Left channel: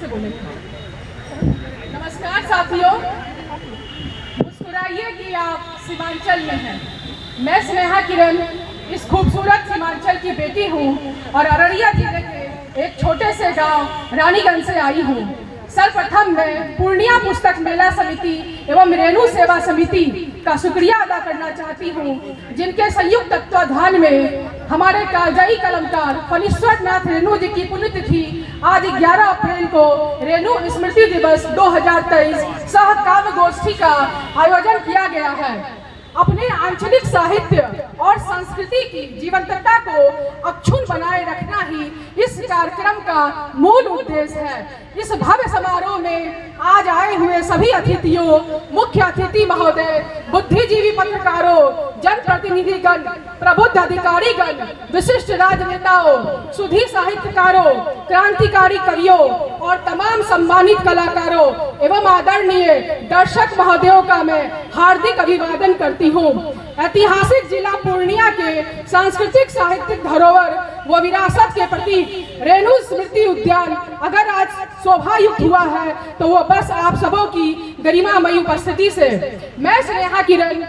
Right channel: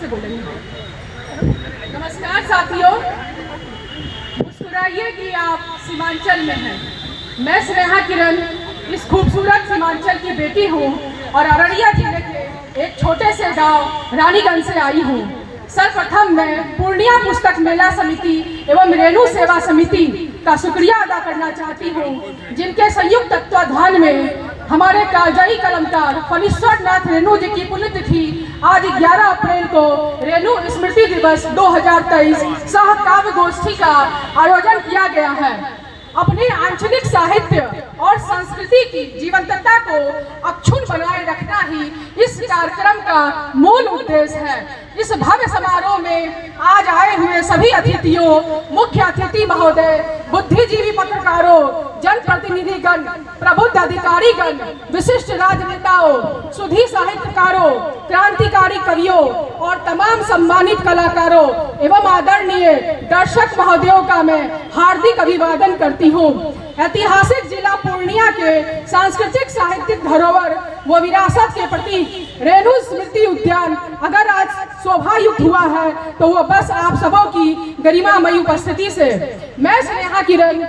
से बोलेंगे। नमस्कार साथियों, मुस्कुराइए कि आप सीमांचल में हैं। मैं स्नेहा किरण इस खूबसूरत सीमांचल की बेटी हूँ और अररिया जिले के एक छोटे से गांव रानीगंज से आई हूँ। सर्वप्रथम मैं पूर्णिया पुस्तक मेला समिति एवं रेणु सेवा समिति का शुक्रिया अदा करना चाहती हूँ, जिनके संयुक्त तत्वाधान में हमारे कालजयी कलमकार फणीश्वर नाथ रेणु जी की पुण्यतिथि आज 11 अप्रैल को रेणु स्मृति दिवस 2023 सह काव्य गोष्ठी का आयोजन किया गया है। अपने आंचलिक साहित्य और संस्कृति की जीवंतता को अक्षुण्ण बनाए रखना ही इस कार्यक्रम का मूल उद्देश्य है। इस भव्य समारोह में आज आए हुए सभी अतिथियों, मुख्य अतिथि महोदय, बुद्धिजीवी पत्रकारों, जनप्रतिनिधिगण, प्रबुद्ध अधिकारीगण, विशिष्ट राजनेताओं, सुधी साहित्यकारों, क्रांतिकारी कवियों और तमाम सम्मानित कलाकारों एवं आदरणीय दर्शक महोदयों का मैं हार्दिक अभिवादन करती हूँ। ऐतिहासिक जिला पूर्णिया के सांस्कृतिक साहित्यिक धरोहर व विरासत के प्रतीक रेणु स्मृति उद्यान अगर आज शोभायुक्त हुआ है तो वो बस आप सबों की गरिमामयी उपस्थिति से। मैं स्नेहा किरण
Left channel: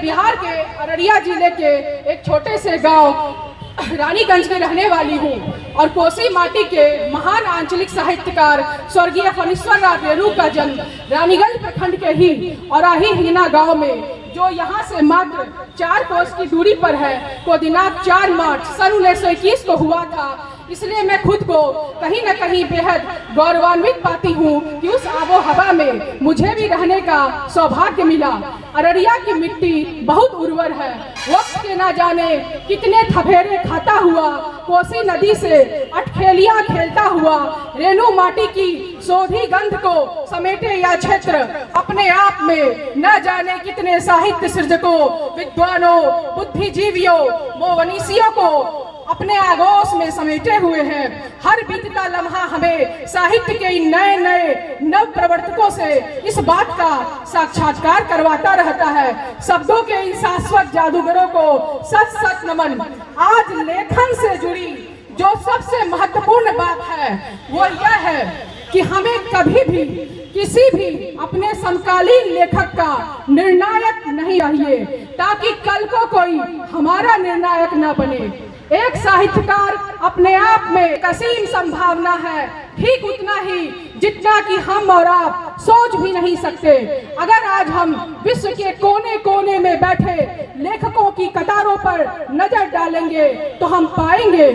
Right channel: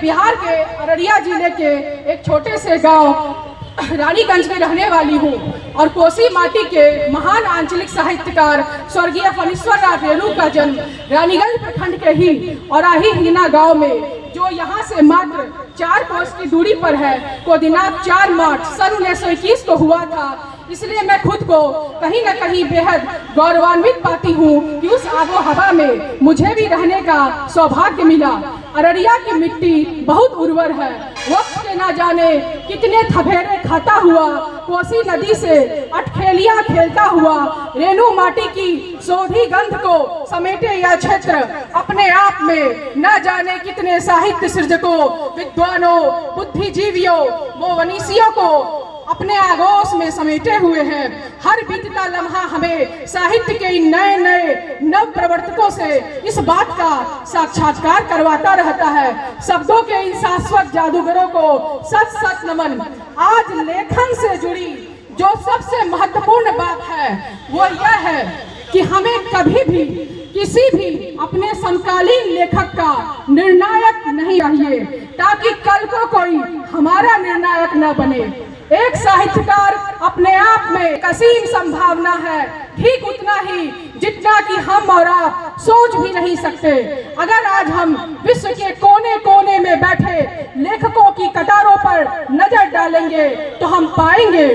बिहार के अररिया जिले के एक छोटे से गांव रानीगंज में रहने वाली हूँ और कोसी माटी के महान आंचलिक साहित्यकार स्वर्गीय फणीश्वर नाथ रेणु का जन्म रानीगंज प्रखंड के ही और हिना गांव में, जो यहाँ से मात्र 4 कोस की दूरी पर है, को दिनांक 4 मार्च सन 1921 को हुआ था। इसलिए मैं खुद को कहीं न कहीं बेहद गौरवान्वित पाती हूँ कि उस आबो हवा में मुझे भी रहने का सौभाग्य मिला। अररिया की मिट्टी बहुत उर्वर है। वक्त के न जाने कितने थपेड़े खाता हुआ कोसी नदी से अटखेलियां खेलता हुआ रेणु माटी की शोधी गंध को समेटे यह क्षेत्र अपने आप में न जाने कितने साहित्य सृजकों, विद्वानों, बुद्धिजीवियों व वनीसियों को अपने आगोश में समेटे हुए हैं। हर बीतता लम्हा हमें साहित्य के नए नए नव प्रवर्तकों से इस बात का साक्षात्कार करवाता रहता है। शब्दों के इन शाश्वत जादूगरों को सच सच नमन। आज लेखन से जुड़ी जो सबसे महत्वपूर्ण बात है वो यह है कि हमें कभी भी किसी भी अपने समकालीन लेखक का निर्णायक नहीं चाहिए, ताकि कल को कोई हमारा निर्णायक न बने। एक साहित्यकार अपने आप में असीम संभावना है, ठीक उतना ही जितना कि हम और आप सोच भी नहीं सकते। अगर आज हम विश्व के कोने कोने में बैठे लेखकों की कतारों पर नजर डालेंगे तो हम पाएंगे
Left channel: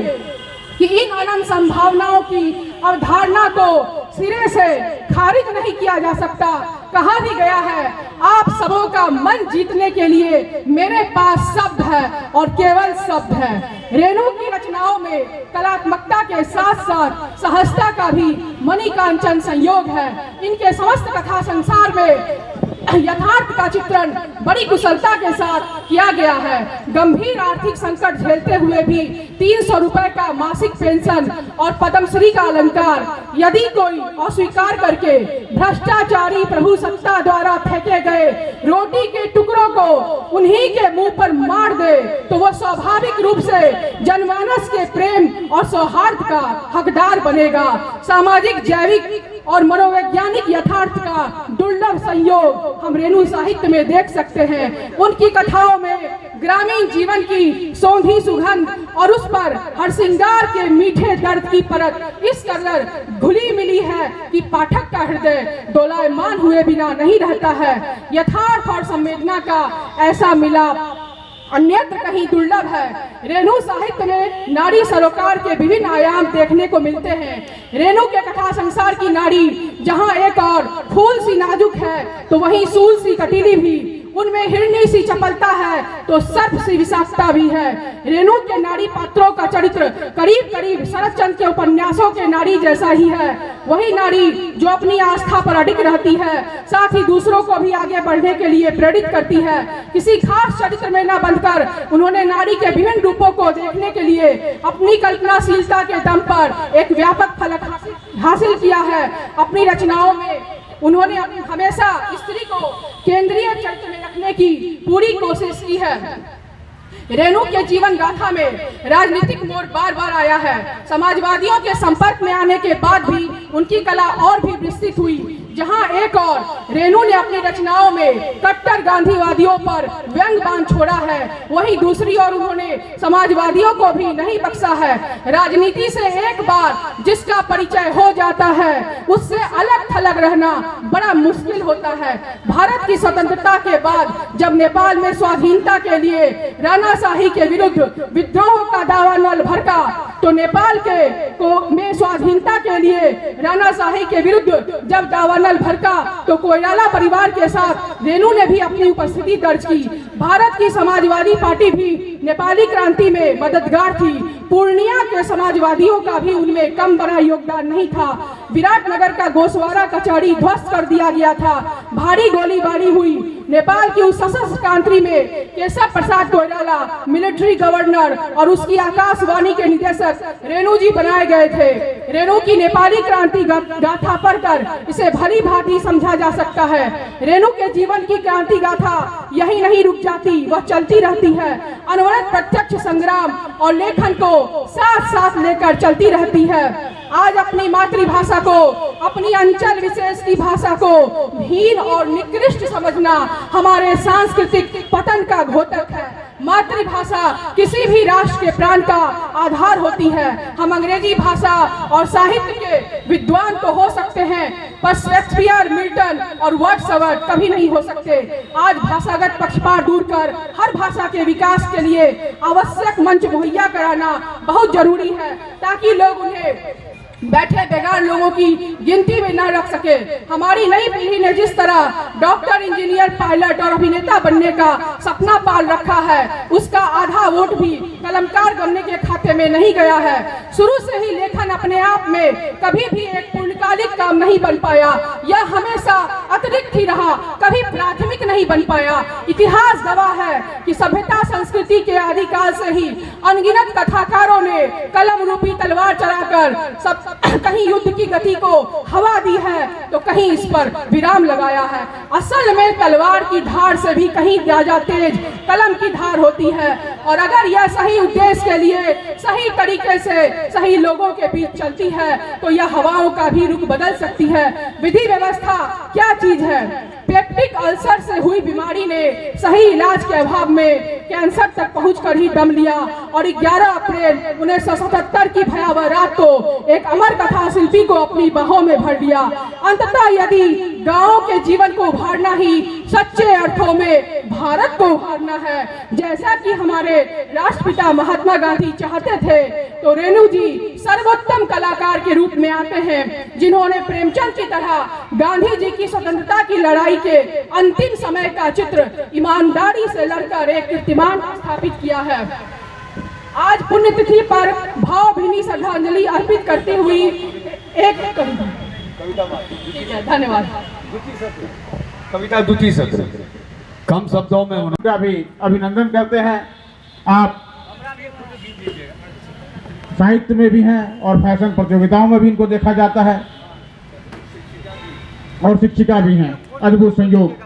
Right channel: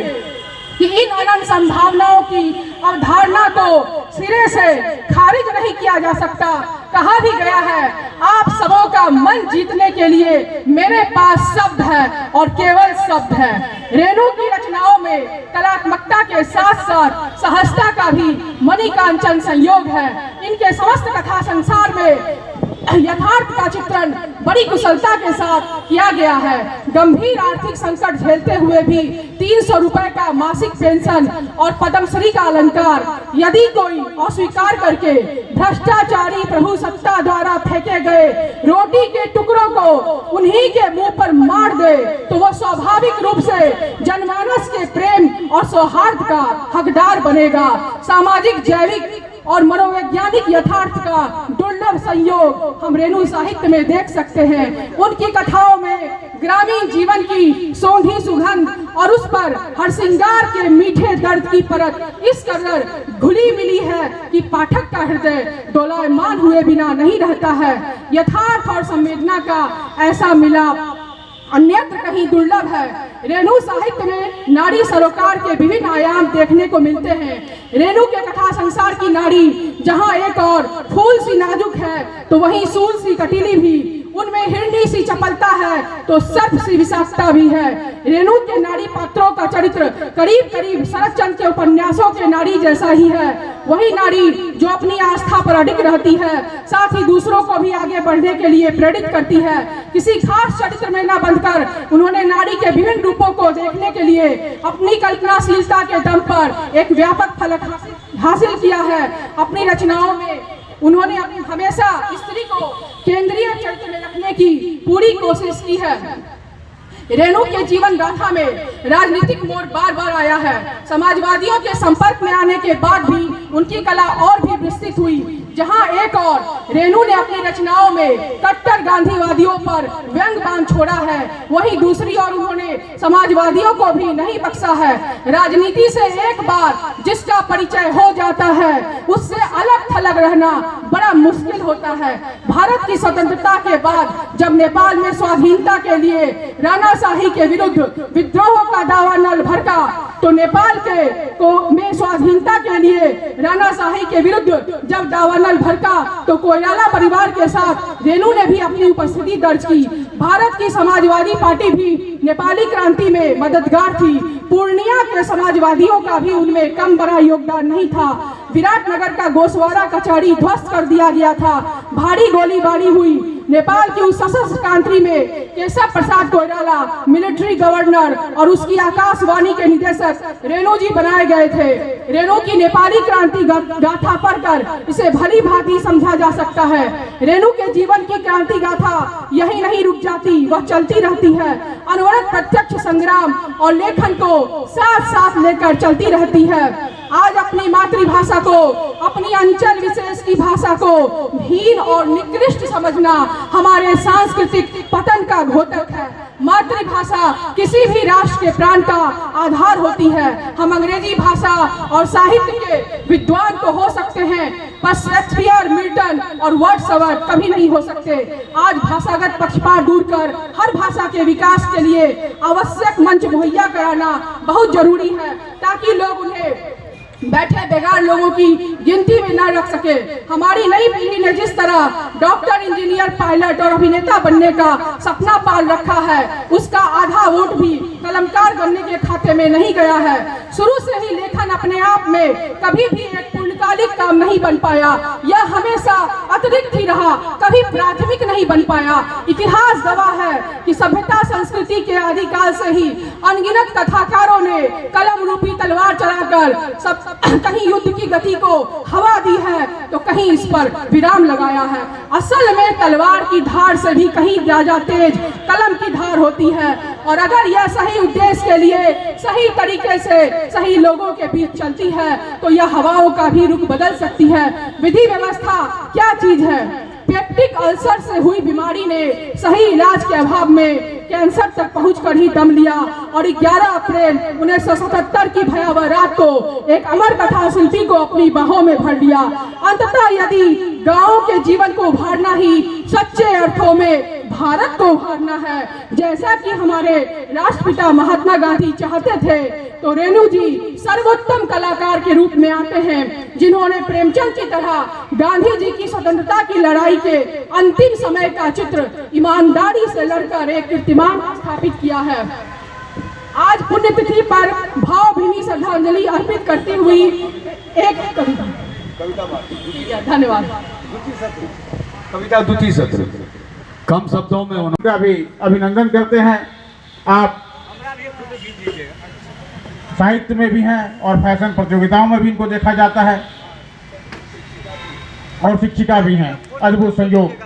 कि इन अनंत संभावनाओं की अवधारणा को सिरे से खारिज नहीं किया जा सकता। कहा भी गया है, आप सबों का मन जीतने के लिए मेरे पास शब्द है और केवल शब्द है। रेणु की रचनाओं में कलात्मकता के साथ साथ सहजता का भी मणिकांचन संयोग है। इनके समस्त कथा संसार में यथार्थ का चित्रण बड़ी कुशलता के साथ किया गया है। गंभीर आर्थिक संकट झेलते हुए भी 300 रुपए का मासिक पेंशन और पद्मश्री का अलंकार यदि कोई अस्वीकार करके भ्रष्टाचारी प्रभु सत्ता द्वारा फेंके गए रोटी के टुकड़ों को उन्हीं के मुंह पर मार दे तो वो स्वाभाविक रूप से जनमानस के प्रेम और सौहार्द का हकदार बनेगा। सामाजिक, जैविक और मनोवैज्ञानिक यथार्थ का दुर्लभ संयोग हम रेणु साहित्य में देख सकते हैं। उनकी कथाओं में ग्रामीण जीवन की सौंधी सुगंध और उस पर हरसिंगार के मीठे दर्द की परत इस कदर घुली मिली है कि पाठक का हृदय डोलायमान हुए बिना नहीं रहता है। यथार्थ और संवेदना का ऐसा मिलाप अन्यत्र कहीं दुर्लभ है। रेणु साहित्य में नारी सरोकार के विभिन्न आयाम देखने को मिलते हैं। रेणु के कथा संसार की नारी जहां एक और फूल सी नाजुक है तो वहीं सूल सी कटीली भी, उनमें हिरणी सी चपलता है तो सर्प सी विषाक्तता भी है। रेणु के नारी पात्रों का चरित्र करीब करीब शरद चंद्र के उपन्यासों के नारी जैसा ही है। वही नारी जो अपनी आस्था पर अडिग रहती है, साथ ही दूसरों को भी आगे बढ़ने के लिए प्रेरित करती है। किसी खास चरित्र में न बंधकर उन्होंने नारी के विभिन्न रूपों को देखने के लिए अपनी कल्पनाशीलता के दम पर एक व्यापक फलक हासिल किया है। अपनी रचनाओं में उन्होंने हमेशा स्त्री को केंद्रीय चरित्र में रखने की पूरी कोशिश की है। रेणु के जीवन गाथा में राजनीतिक मोड़ बार बार आया है। समाजवादियों के संपर्क में आने के बाद भी उनकी कला और भी विस्तृत हुई। जहां एक और रेणु ने अपनी रचनाओं में कट्टर गांधीवादियों पर व्यंग बाण छोड़ा है, वहीं दूसरी ओर उन्होंने समाजवादियों को भी नहीं बख्शा है। राजनीति से एक बार जिसका परिचय हो जाता है, उससे अलग थलग रहना बड़ा मुश्किल होता है। भारत की स्वतंत्रता के बाद जब नेपाल में स्वाधीनता के लिए राणाशाही के विरुद्ध विद्रोह का दावा नल भड़का, तो नेपाल में स्वाधीनता के लिए राणाशाही के विरुद्ध जब दावा नल भड़का, तो कोइराला परिवार के साथ रेणु ने भी अपनी उपस्थिति दर्ज की। भारत की समाजवादी पार्टी भी नेपाली क्रांति में मददगार थी। पूर्णिया के समाजवादियों का भी उनमें कम बड़ा योगदान नहीं था। विराटनगर का गोसवारा कचहरी ध्वस्त कर दिया गया था। भारी गोलीबारी हुई। नेपाल की उस सशस्त्र क्रांति में केशव प्रसाद कोइराला मिलिट्री गवर्नर और उसकी आकाशवाणी के निदेशक रेणु जी बनाए गए थे। रेणु की नेपाली क्रांति गाथा पढ़कर इसे भली भांति समझा जा सकता है। रेणु के जीवन की क्रांति गाथा यही नहीं रुक जाती, वह चलती रहती है। अनवरत प्रत्यक्ष संग्राम और लेखन को साथ साथ लेकर चलती रहती है। आज अपनी मातृभाषा को, अपनी अंचल विशेष की भाषा को हीन और निकृष्ट समझना हमारे सांस्कृतिक पतन का द्योतक है। मातृभाषा किसी भी राष्ट्र के प्राण का आधार होती है। हम अंग्रेजी भाषा और साहित्य के विद्वान तो हो सकते हैं, पर शेक्सपियर, मिल्टन और वर्ड्सवर्थ कभी नहीं हो सकते। आज भाषागत पक्षपात दूर कर हर भाषा के विकास के लिए आवश्यक मंच मुहैया कराना बहुत जरूरी है, ताकि लोग उन्हें बैठे बेकार लोगों की गिनती में न रख सके। हमारी नई पीढ़ी ने जिस तरह डॉक्टर, इंजीनियर, पायलट और अभिनेता बनने का सपना पाल रखा है, उसका आधा वोट भी कलमकार बनने के खाते में नहीं गया है। शुरू से ही लेखन अपने आप में कभी भी एक पूर्णकालिक काम नहीं बन पाया। यह हमेशा अतिरिक्त ही रहा, कभी प्राथमिक नहीं बन पाया। इतिहास गवाह है कि सभ्यता संस्कृति के आदिकाल से ही अनगिनत कथाकारों ने कलम रूपी तलवार चलाकर सब कहीं युद्ध की गति को हवा दी है, तो कहीं इस पर विराम लगाया है। असल में तलवार की धार से भी कहीं ज्यादा तेज कलम की धार होती है, और अगर यह सही उद्देश्य के लिए सही तरीके से सही लोगों के बीच चलती है, तो यह हवाओं का भी रुख बदल सकती है। विधि व्यवस्था क्या चीज है? पेप्टिक अल्सर से हुई बीमारी ने सही इलाज के अभाव में कैंसर तक पहुंचकर ही दम लिया, और 11 अप्रैल 1977 की भयावह रात को एक अमर कथा शिल्पी को अपनी बाहों में भर लिया। अंततः यदि गांव के जीवन को उभारना ही सच्चे अर्थों में भारत को उभारना है, जैसा कि हमारे राष्ट्रपिता महात्मा गांधी चाहते थे, तो रेणु जी सर्वोत्तम कलाकार के रूप में आते हैं, जिन्होंने प्रेमचंद की तरह गांधी जी की स्वतंत्रता की लड़ाई के अंतिम समय का चित्र ईमानदारी से लड़कर एक कीर्तिमान स्थापित किया है। आज पुण्यतिथि पर भावभीनी श्रद्धांजलि अर्पित करती हुई एक धन्यवाद। कविता द्वितीय सत्र कम शब्दों में उनका भी अभिनंदन करते हैं। आप साहित्य में भी हैं और फैशन प्रतियोगिताओं में भी इनको देखा जाता है, और शिक्षिका भी हैं। अद्भुत संयोग